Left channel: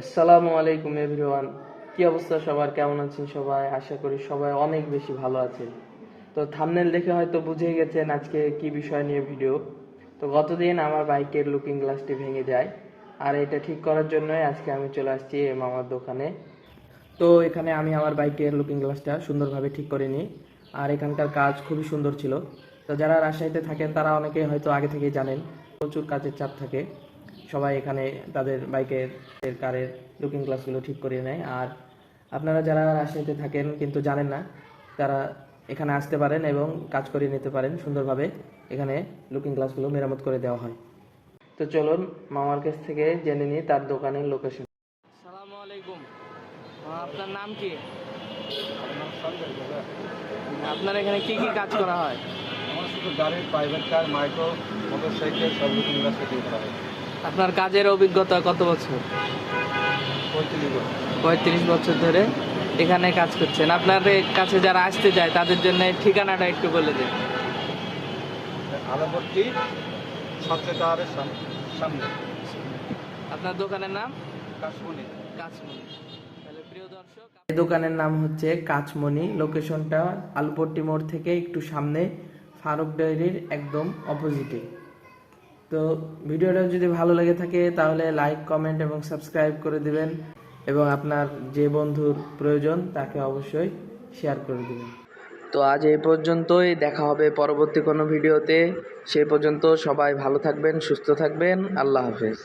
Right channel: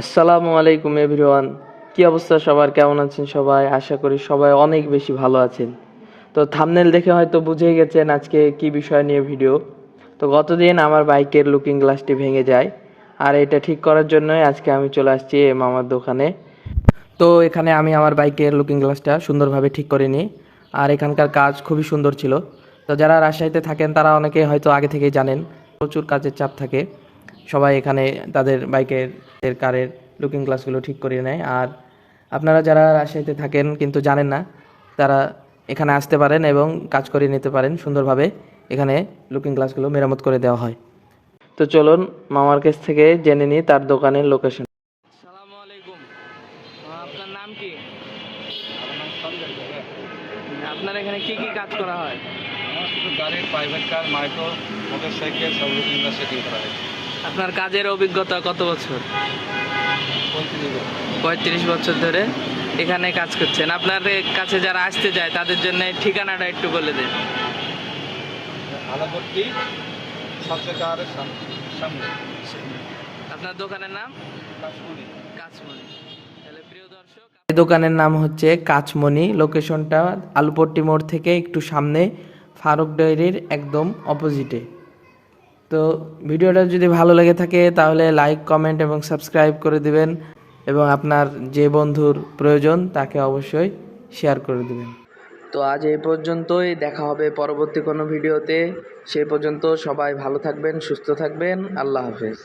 আসসালামু আলাইকুম এভরিওয়ান। কি অবস্থা সবার, কেমন আছেন সবাই? আশা করি সবাই অনেক বেশি ভালো আছেন। তো থাম্বনেল দেখে হয়তো বুঝেই গেছেন আজকে কি বিষয় নিয়ে ভিডিও। তো গতদিন আমার বাইকের লুকিং গ্লাসটি ভেঙে যায়, আর এটা ঠিক করার জন্যই আজকে আমি চলে আসছি মামার দোকানে। তো এখানে আমি আমার বাইকের লুকিং গ্লাসটা সুন্দরভাবে ঠিক করে নিই, আর এখানকার কাজ খুবই সুন্দর ছিল। তো যারা রাজশাহীতে থাকেন তারা অনেকে হয়তো আগে থেকেই জানেন, প্রচুর কাজের চাপ থাকে। সবাই এখানে তাদের বাইকের কারের লুকিং গ্লাসগুলো ঠিক করে নেয়। আর আপনারা যারা রাজশাহীতে থাকেন কিন্তু জানেন না, তারা এখানে আসতে পারেন এবং কাজ করে নিতে পারেন সুন্দরভাবে। এখানে লুকিং গ্লাসগুলো মেরামত করে দেওয়া হয়। তো চলুন মামার কাছ থেকে জেনে নিই তার দোকানের লোকেশন। আসসালামু আলাইকুম। আপনার নাম কি? আমার নাম সঞ্জয় দাদা। আপনার এখানে কি কি কাজ করা হয়? আমার শুধু গাড়ির প্রাইভেট কার, মাইক্রো, মোটরসাইকেল সব লুকিং গ্লাস সেটিং করা হয়। আপনার কাজের অভিজ্ঞতা কত বছর? 35 বছর। 35 বছর ধরে এখানে কাজ করছেন। আপনার কাছে যারা আসতে যায় তাদের জন্য ঠিকানাটা একটু বলে দেন। আলাপট্টি সঞ্চয়কারের সামনে আপনার দোকানের নাম? কাশমণি। কাচমণি। তাহলে প্রিয় দর্শক, এই দোকানের নাম হচ্ছে কাচমণি। লোকেশনটা আলুপট্টি মোড় থেকে একটু সামনে, ফারুক ডেইরির একদম অপোজিটে। তো ভিডিওটা যদি ভালো লেগে থাকে তাহলে লাইক, কমেন্ট এবং সাবস্ক্রাইব করে দিবেন, এবং আপনার যে বন্ধুর প্রয়োজন তাকে অবশ্যই শেয়ার করে দিবেন। তো আজ এই পর্যন্তই, দেখা হবে পরবর্তী কোনো ভিডিওতে। সেই পর্যন্ত সবাই ভালো থাকবেন, সুস্থ থাকবেন। আল্লাহ হাফেজ।